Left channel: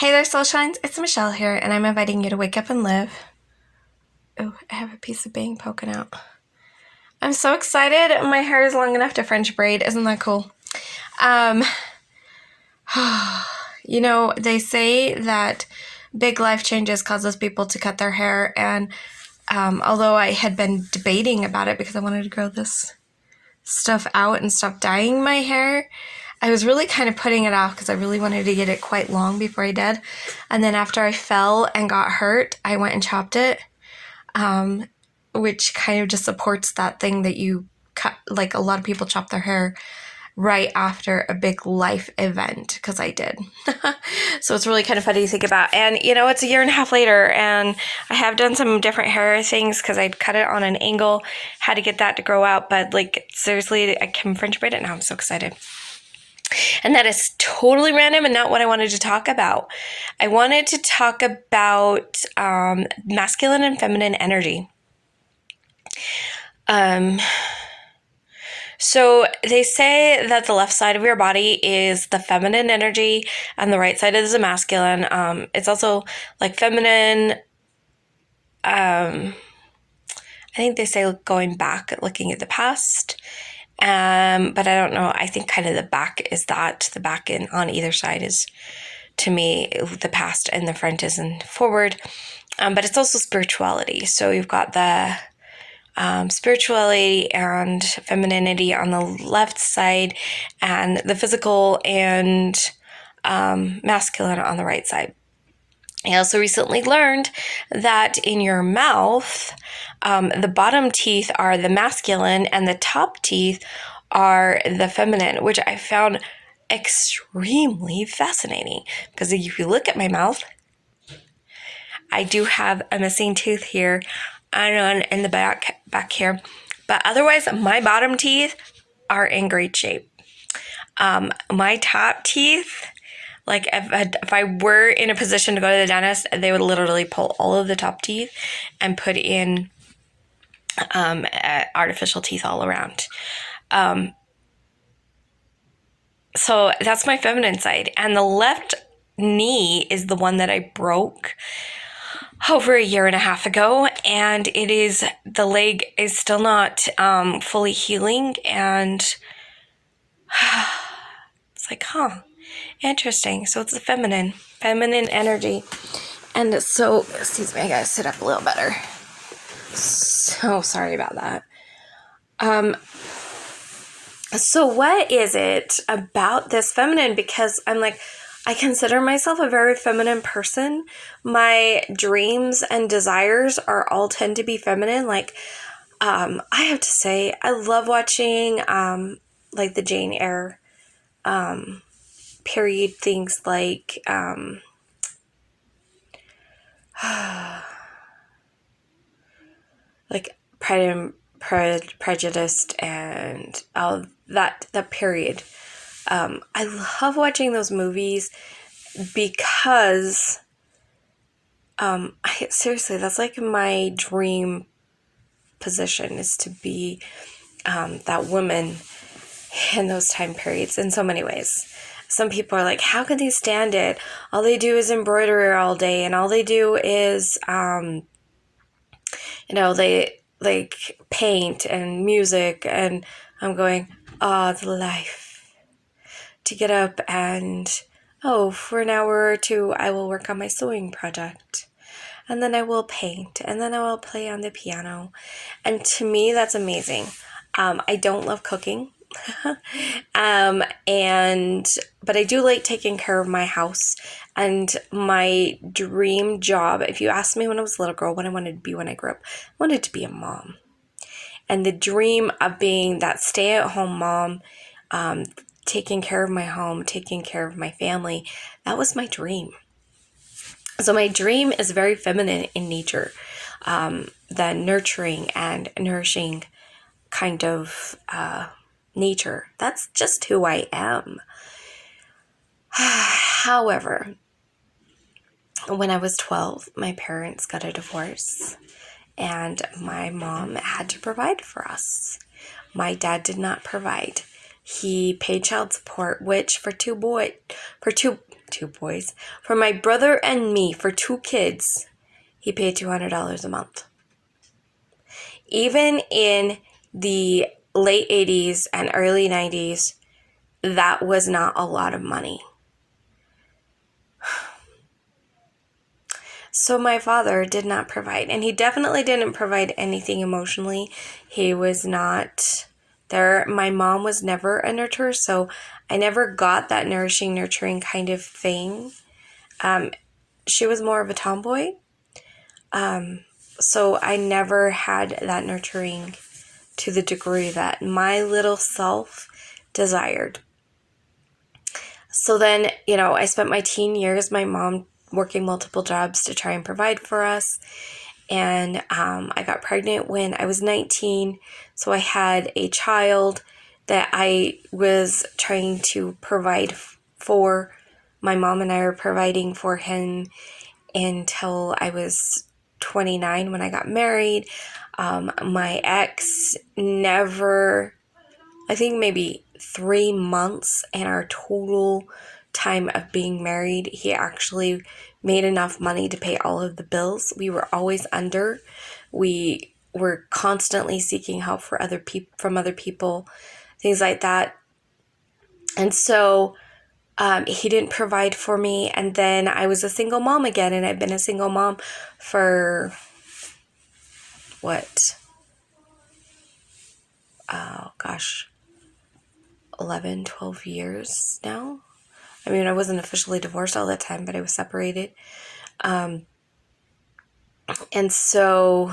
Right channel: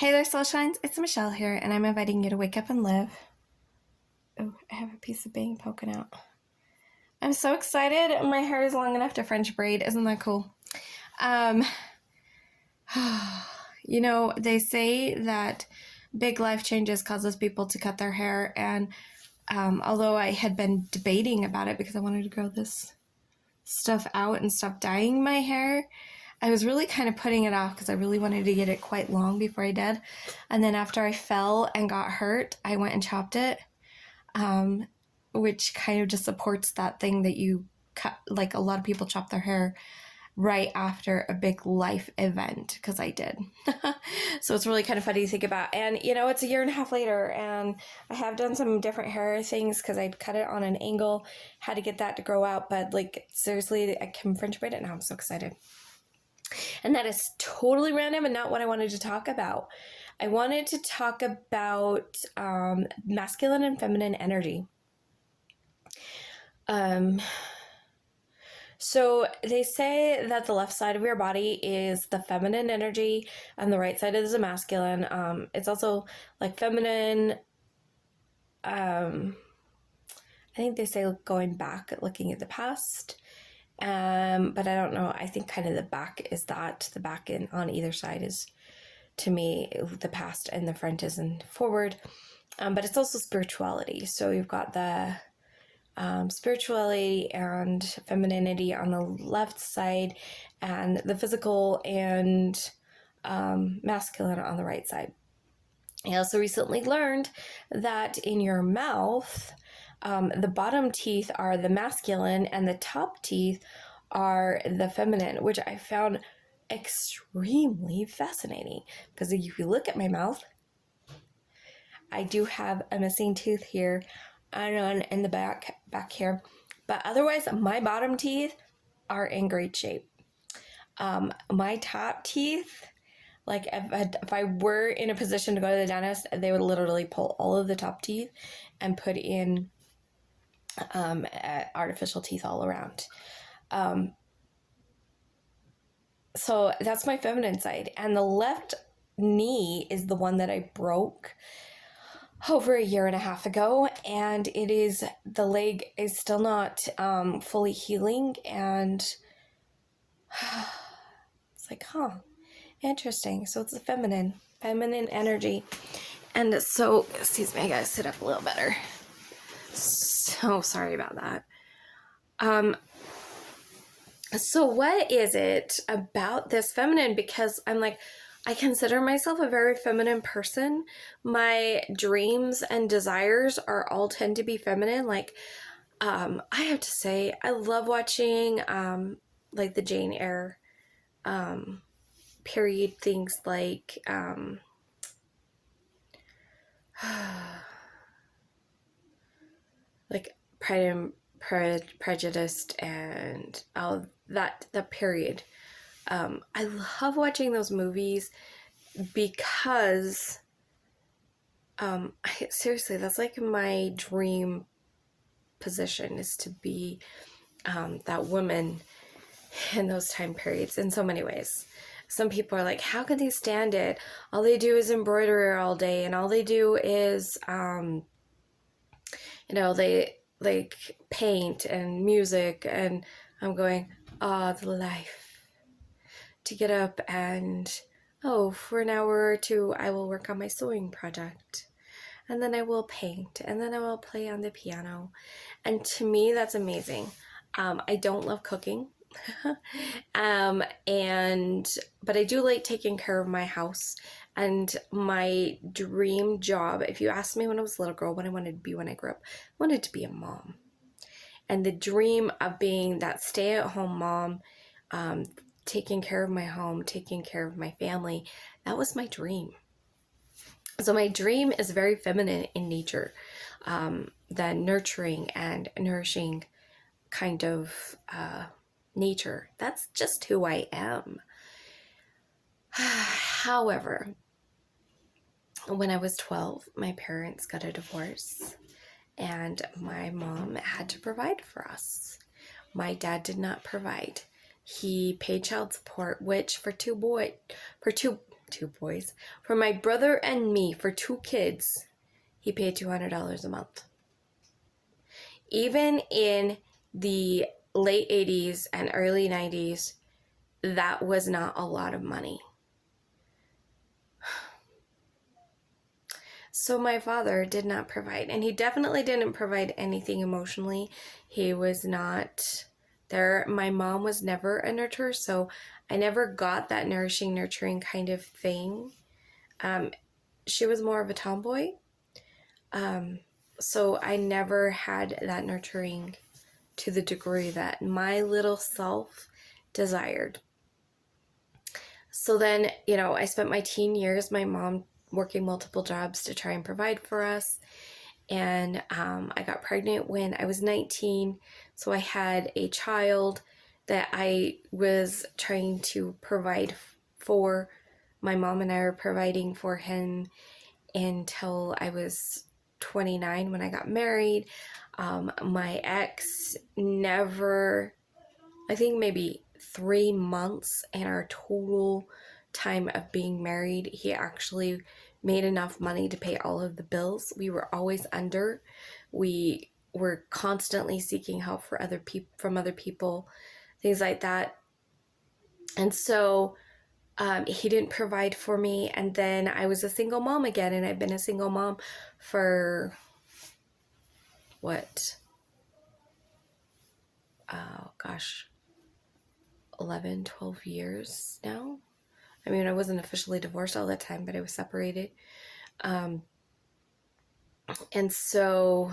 Hey there, Soul Shines. It's Michelle here, and I'm inviting you to wake up and live. Oh, I have a piece of bang poking out. I'm so excited. My hair is long enough to French braid. Isn't that cool? Um, they say that big life changes causes people to cut their hair, and although I had been debating about it because I wanted to grow this stuff out and stop dyeing my hair, I was really kind of putting it off because I really wanted to get it quite long before I did. And then after I fell and got hurt, I went and chopped it, which kind of just supports that thing that you cut. Like, a lot of people chop their hair right after a big life event, because I did. So it's really kind of funny to think about. And, it's a year and a half later, and I have done some different hair things because I'd cut it on an angle, had to get that to grow out. But, seriously, I can French braid it now. I'm so excited. And that is totally random and not what I wanted to talk about. I wanted to talk about masculine and feminine energy. So they say that the left side of your body is the feminine energy and the right side is the masculine. It's also like feminine. I think they say going back, looking at the past. But I don't know. I think kind of the back is that. The back on either side is, to me, the past, and the front is in forward. But it's also spirituality. So you've got the spirituality and femininity on the left side, and the physical and masculine on the right side. I also recently learned that in your mouth, the bottom teeth are the masculine and the top teeth are the feminine, which I found extremely fascinating, because if you look at my mouth, I do have a missing tooth here and in the back here, but otherwise my bottom teeth are in great shape. My top teeth, like if I were in a position to go to the dentist, they would literally pull all of the top teeth and put in artificial teeth all around. So that's my feminine side. And the left knee is the one that I broke over a year and a half ago. And the leg is still not fully healing. And it's like, interesting. So it's the feminine energy. And so, excuse me, I gotta sit up a little better. So sorry about that. So what is it about this feminine? Because I consider myself a very feminine person. My dreams and desires tend to be feminine. I have to say, I love watching, the Jane Eyre, period things like, Pride and Prejudice and all that period. I love watching those movies because seriously, that's like my dream position, is to be that woman in those time periods in so many ways. Some people are like, how can they stand it? All they do is embroider all day, and all they do is they paint and music. And I'm going, the life. To get up and, for an hour or two, I will work on my sewing project. And then I will paint. And then I will play on the piano. And to me, that's amazing. I don't love cooking. But I do like taking care of my house. And my dream job, if you asked me when I was a little girl what I wanted to be when I grew up, I wanted to be a mom. And the dream of being that stay-at-home mom, taking care of my home, taking care of my family, that was my dream. So my dream is very feminine in nature, the nurturing and nourishing kind of nature. That's just who I am. However, when I was 12, my parents got a divorce, and my mom had to provide for us. My dad did not provide. He paid child support, which for two two boys. For my brother and me, for 2 kids, he paid $200 a month. Even in the late 80s and early 90s, that was not a lot of money. So my father did not provide, and he definitely didn't provide anything emotionally. He was not there. My mom was never a nurturer, so I never got that nourishing, nurturing kind of thing. She was more of a tomboy. So I never had that nurturing to the degree that my little self desired. So then, I spent my teen years, my mom working multiple jobs to try and provide for us. And I got pregnant when I was 19. So I had a child that I was trying to provide for. My mom and I were providing for him until I was 29 when I got married. My ex never, I think maybe 3 months in our total time of being married, he actually made enough money to pay all of the bills. We were always under. We were constantly seeking help from other people, things like that. And so he didn't provide for me. And then I was a single mom again, and I've been a single mom for 11, 12 years now. I mean, I wasn't officially divorced all that time, but I was separated. And so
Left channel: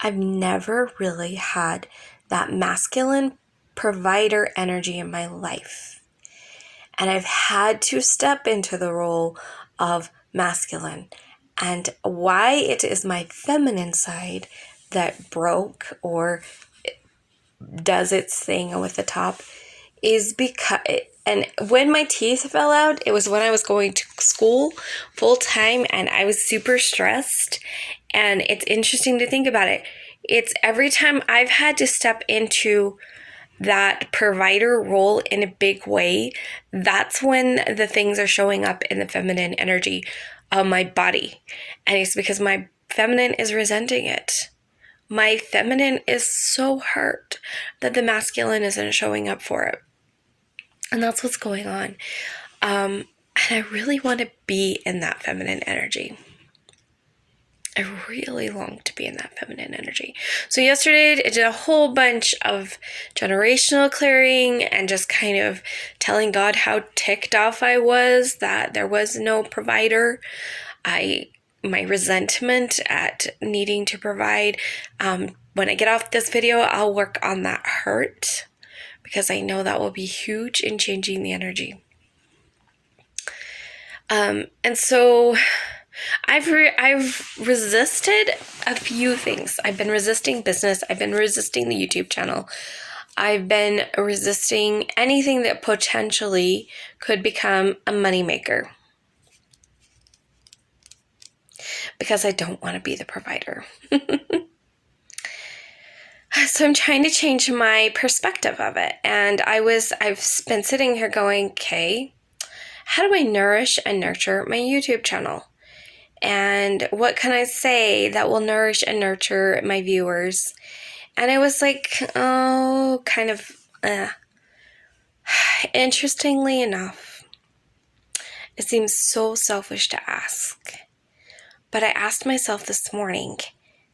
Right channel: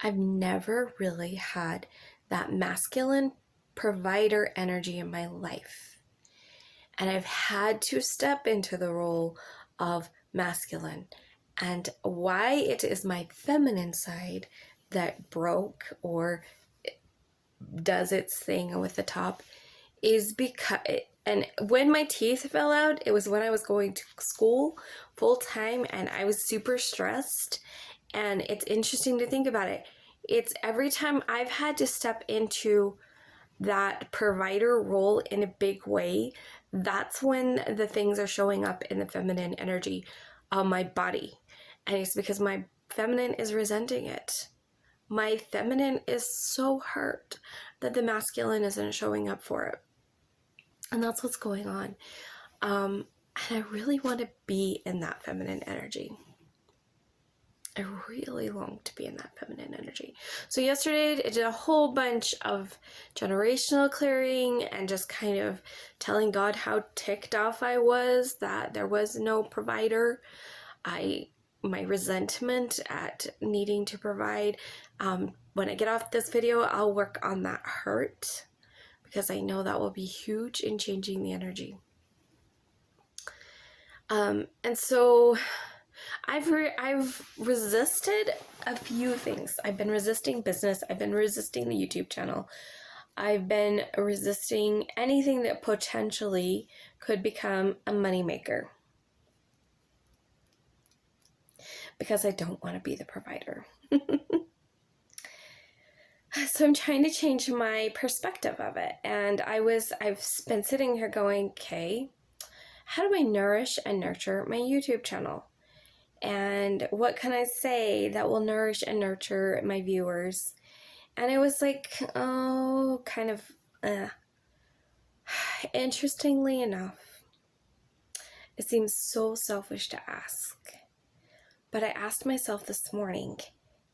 I've never really had that masculine provider energy in my life. And I've had to step into the role of masculine. And why it is my feminine side that broke or does its thing with the top is because, and when my teeth fell out, it was when I was going to school full time and I was super stressed. And it's interesting to think about it. It's every time I've had to step into that provider role in a big way, that's when the things are showing up in the feminine energy of my body. And it's because my feminine is resenting it. My feminine is so hurt that the masculine isn't showing up for it. And that's what's going on. And I really want to be in that feminine energy. I really long to be in that feminine energy. So yesterday I did a whole bunch of generational clearing and just kind of telling God how ticked off I was that there was no provider. My resentment at needing to provide. When I get off this video, I'll work on that hurt because I know that will be huge in changing the energy. And so I've resisted a few things. I've been resisting business. I've been resisting the YouTube channel. I've been resisting anything that potentially could become a moneymaker because I don't want to be the provider. So I'm trying to change my perspective of it. And I've been sitting here going, okay, how do I nourish and nurture my YouTube channel? And what can I say that will nourish and nurture my viewers? And I was like, Interestingly enough, it seems so selfish to ask. But I asked myself this morning,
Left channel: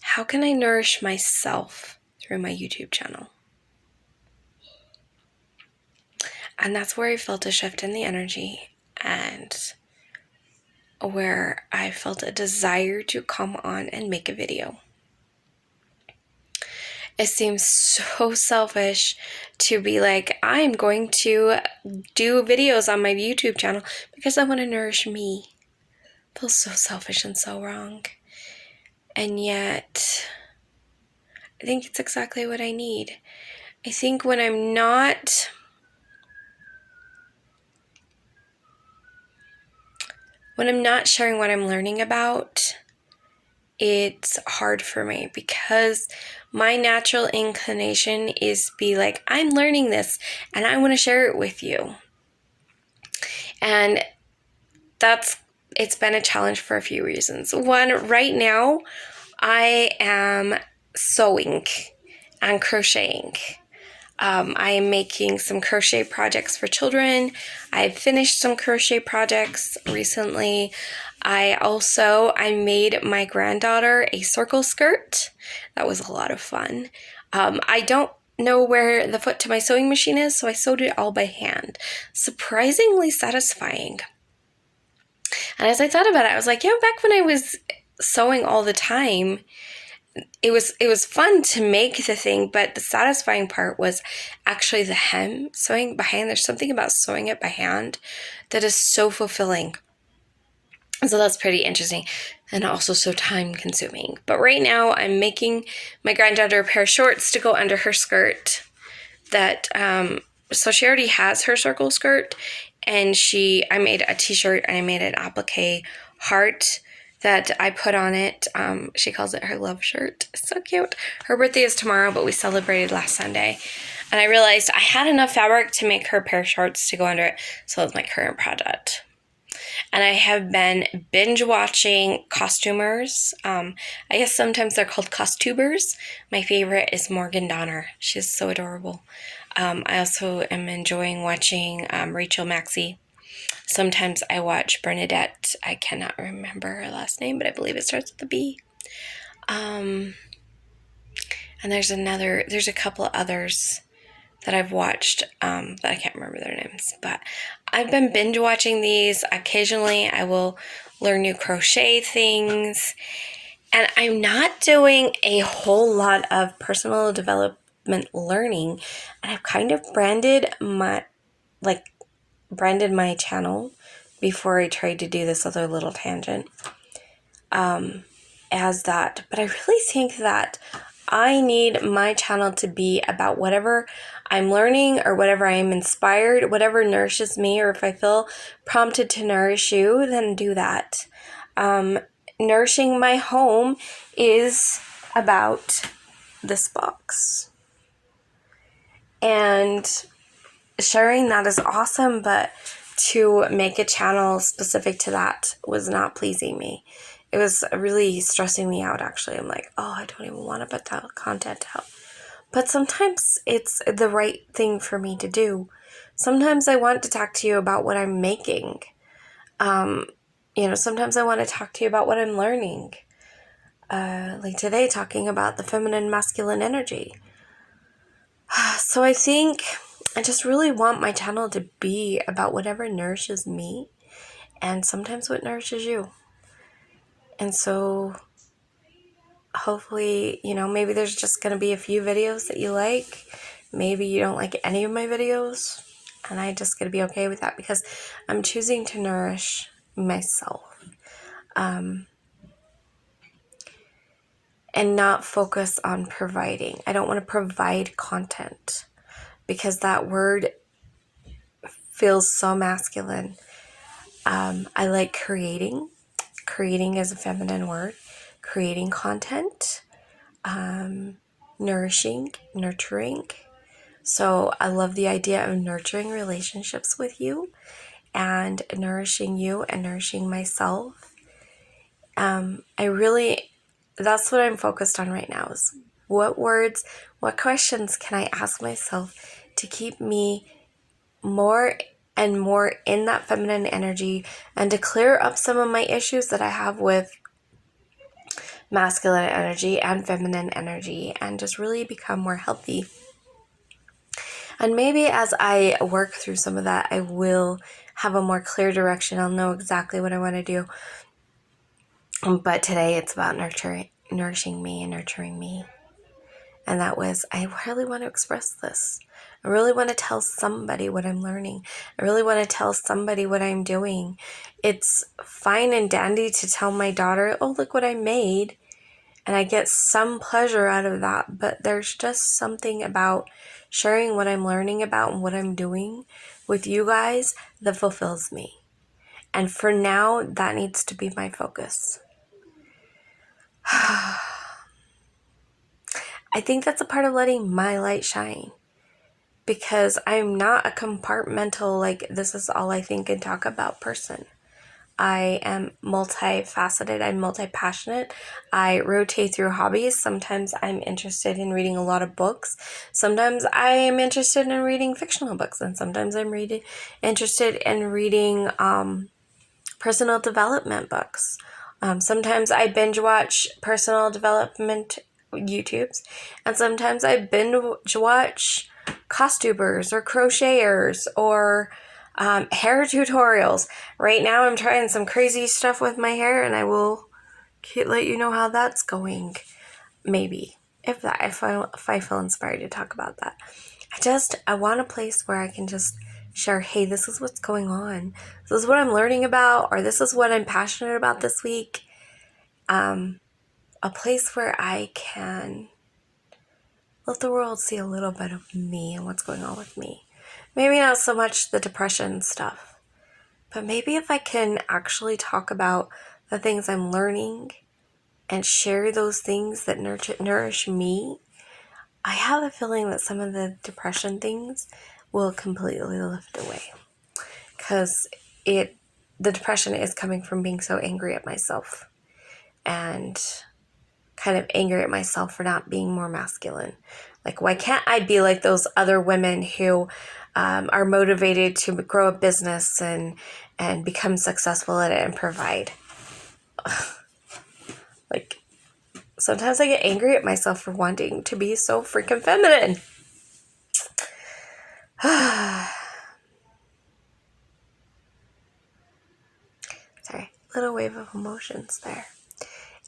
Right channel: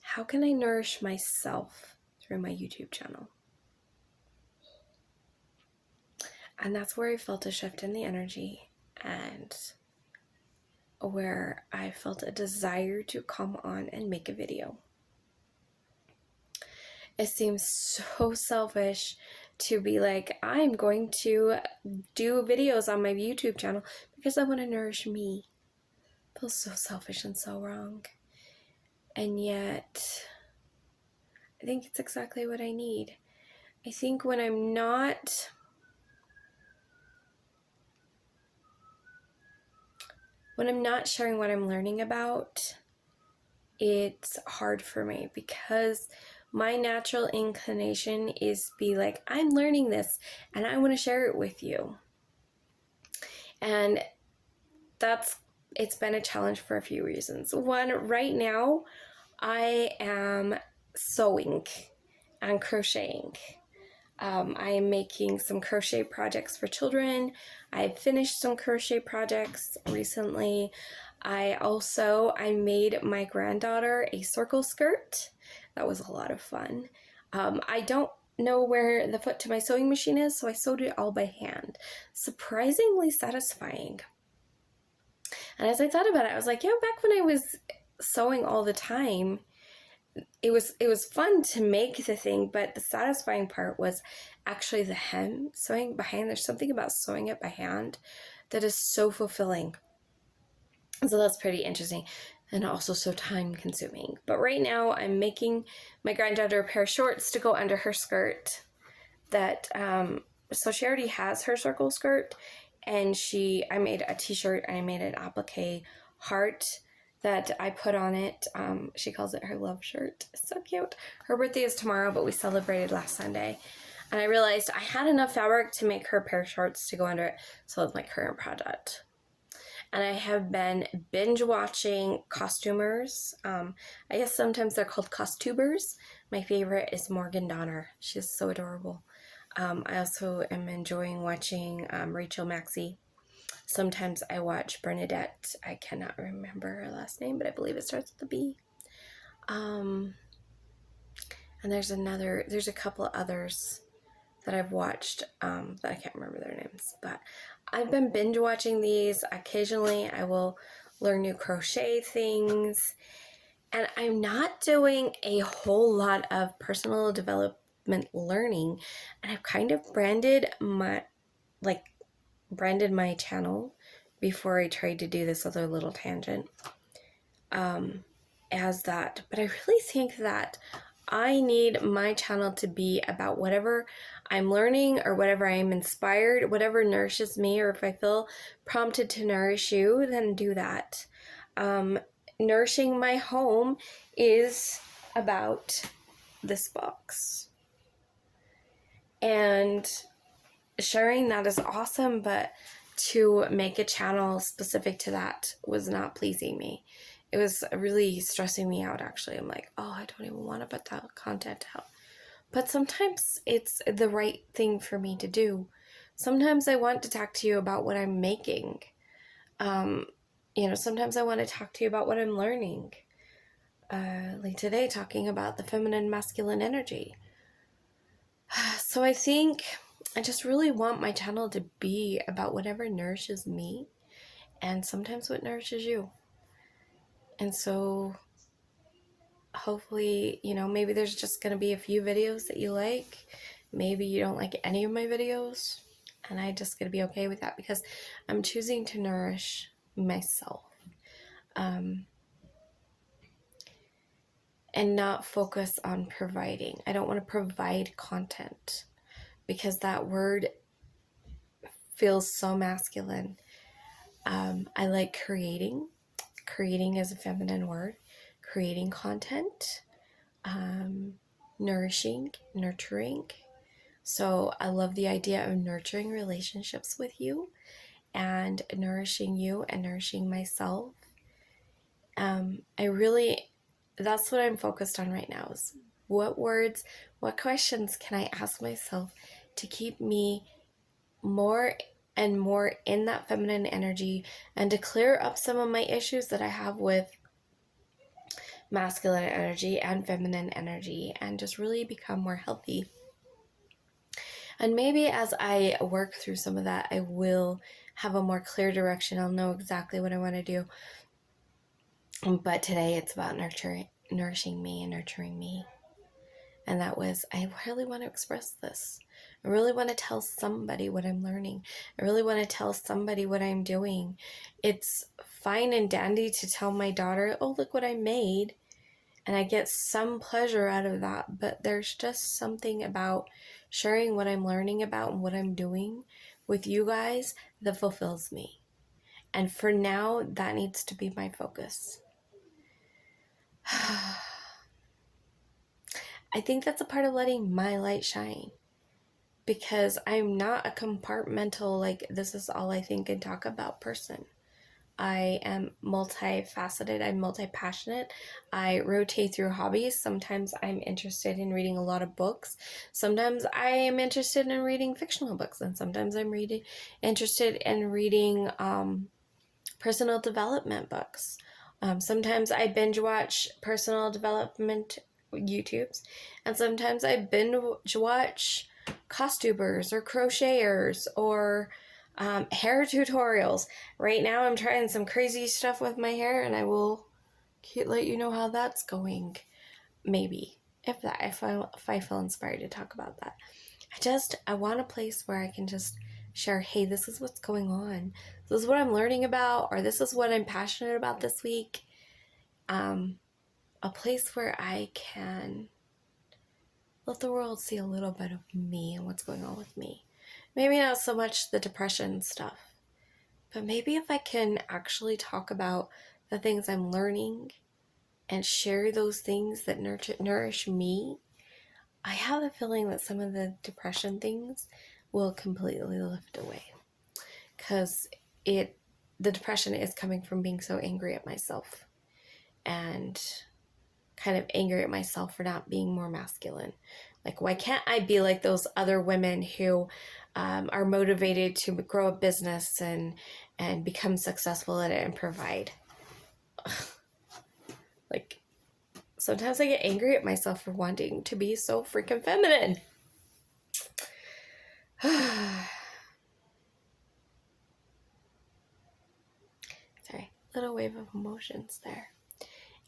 how can I nourish myself through my YouTube channel? And that's where I felt a shift in the energy and where I felt a desire to come on and make a video. It seems so selfish to be like, I'm going to do videos on my YouTube channel because I want to nourish me. It feels so selfish and so wrong. And yet, I think it's exactly what I need. I think when I'm not sharing what I'm learning about, it's hard for me because my natural inclination is be like, I'm learning this and I want to share it with you. And it's been a challenge for a few reasons. One, right now, I am sewing and crocheting. I am making some crochet projects for children. I've finished some crochet projects recently. I made my granddaughter a circle skirt. That was a lot of fun. I don't know where the foot to my sewing machine is, so I sewed it all by hand. Surprisingly satisfying. And as I thought about it, I was like, back when I was sewing all the time, it was fun to make the thing, but the satisfying part was actually the hem sewing by hand. There's something about sewing it by hand that is so fulfilling. So that's pretty interesting and also so time consuming. But right now I'm making my granddaughter a pair of shorts to go under her skirt that so she already has her circle skirt, and I made a t-shirt and I made an applique heart that I put on it. She calls it her love shirt. It's so cute. Her birthday is tomorrow, but we celebrated last Sunday. And I realized I had enough fabric to make her a pair of shorts to go under it. So that's my current project. And I have been binge watching costumers. I guess sometimes they're called costumers. My favorite is Morgan Donner. She's so adorable. I also am enjoying watching Rachel Maxey. Sometimes I watch Bernadette. I cannot remember her last name, but I believe it starts with a B. And there's a couple others that I've watched that I can't remember their names. But I've been binge watching these. Occasionally I will learn new crochet things. And I'm not doing a whole lot of personal development learning. And I've kind of branded my channel before I tried to do this other little tangent as that. But I really think that I need my channel to be about whatever I'm learning or whatever I am inspired, whatever nourishes me, or if I feel prompted to nourish you, then do that. Nourishing my home is about this box. And sharing that is awesome, but to make a channel specific to that was not pleasing me. It was really stressing me out, actually. I'm like, I don't even want to put that content out. But sometimes it's the right thing for me to do. Sometimes I want to talk to you about what I'm making. Sometimes I want to talk to you about what I'm learning. Like today, talking about the feminine, masculine energy. So I think I just really want my channel to be about whatever nourishes me and sometimes what nourishes you. And so hopefully, maybe there's just going to be a few videos that you like. Maybe you don't like any of my videos. And I just got to be okay with that because I'm choosing to nourish myself. And not focus on providing. I don't want to provide content because that word feels so masculine. I like creating. Creating is a feminine word. Creating content. Nourishing, nurturing. So I love the idea of nurturing relationships with you and nourishing you and nourishing myself. That's what I'm focused on right now is what questions can I ask myself to keep me more and more in that feminine energy and to clear up some of my issues that I have with masculine energy and feminine energy and just really become more healthy. And maybe as I work through some of that, I will have a more clear direction. I'll know exactly what I want to do. But today it's about nourishing me and nurturing me. And that was, I really want to express this. I really want to tell somebody what I'm learning. I really want to tell somebody what I'm doing. It's fine and dandy to tell my daughter, look what I made. And I get some pleasure out of that. But there's just something about sharing what I'm learning about and what I'm doing with you guys that fulfills me. And for now, that needs to be my focus. I think that's a part of letting my light shine. Because I'm not a compartmental, this is all I think and talk about person. I am multifaceted. I'm multi-passionate. I rotate through hobbies. Sometimes I'm interested in reading a lot of books. Sometimes I am interested in reading fictional books. And sometimes I'm interested in reading personal development books. Sometimes I binge watch personal development YouTubes. And sometimes I binge watch costumers or crocheters or hair tutorials. Right now I'm trying some crazy stuff with my hair, and I will let you know how that's going. Maybe if I feel inspired to talk about that. I want a place where I can just share, hey, this is what's going on. This is what I'm learning about, or this is what I'm passionate about this week. A place where I can let the world see a little bit of me and what's going on with me. Maybe not so much the depression stuff, but maybe if I can actually talk about the things I'm learning and share those things that nourish me, I have a feeling that some of the depression things will completely lift away. Because the depression is coming from being so angry at myself and kind of angry at myself for not being more masculine. Like, why can't I be like those other women who are motivated to grow a business and become successful at it and provide? Like, sometimes I get angry at myself for wanting to be so freaking feminine. Sorry, little wave of emotions there.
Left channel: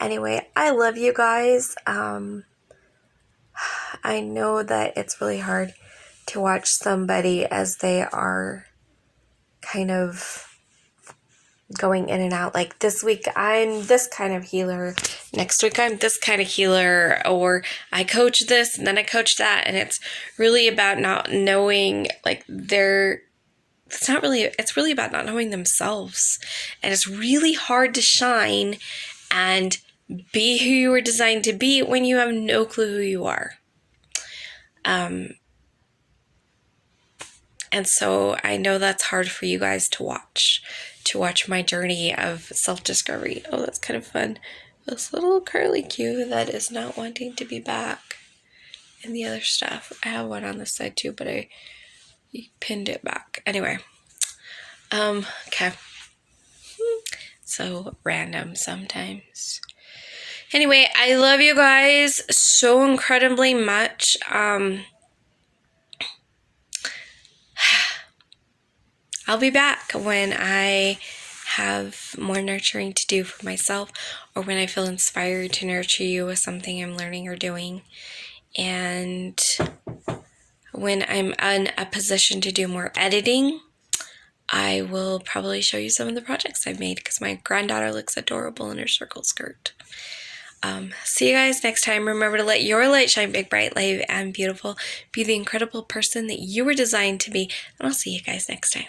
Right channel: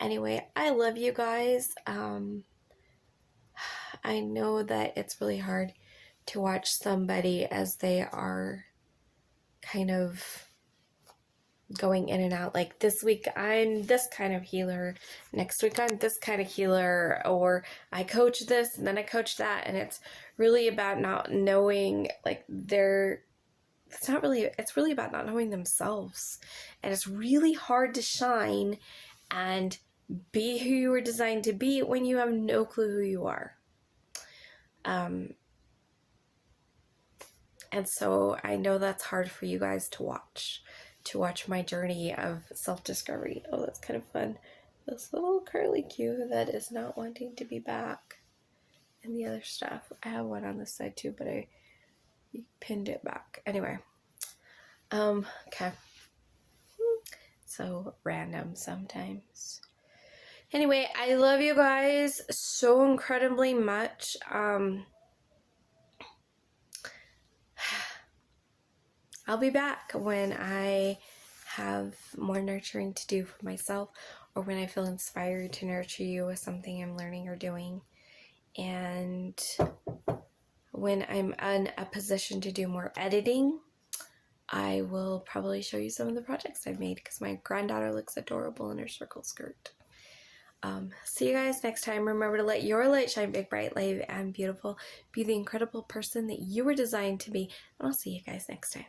Anyway, I love you guys. I know that it's really hard to watch somebody as they are kind of going in and out. Like, this week I'm this kind of healer, next week I'm this kind of healer, or I coach this and then I coach that, and it's really about not knowing, like, it's really about not knowing themselves. And it's really hard to shine and be who you were designed to be when you have no clue who you are. And so I know that's hard for you guys to watch my journey of self-discovery. Oh, that's kind of fun. This little curly Q that is not wanting to be back. And the other stuff, I have one on this side too, but I pinned it back. Anyway, okay. So random sometimes. Anyway, I love you guys so incredibly much. I'll be back when I have more nurturing to do for myself, or when I feel inspired to nurture you with something I'm learning or doing. And when I'm in a position to do more editing, I will probably show you some of the projects I've made, because my granddaughter looks adorable in her circle skirt. See you guys next time. Remember to let your light shine big, bright, light, and beautiful. Be the incredible person that you were designed to be. And I'll see you guys next time.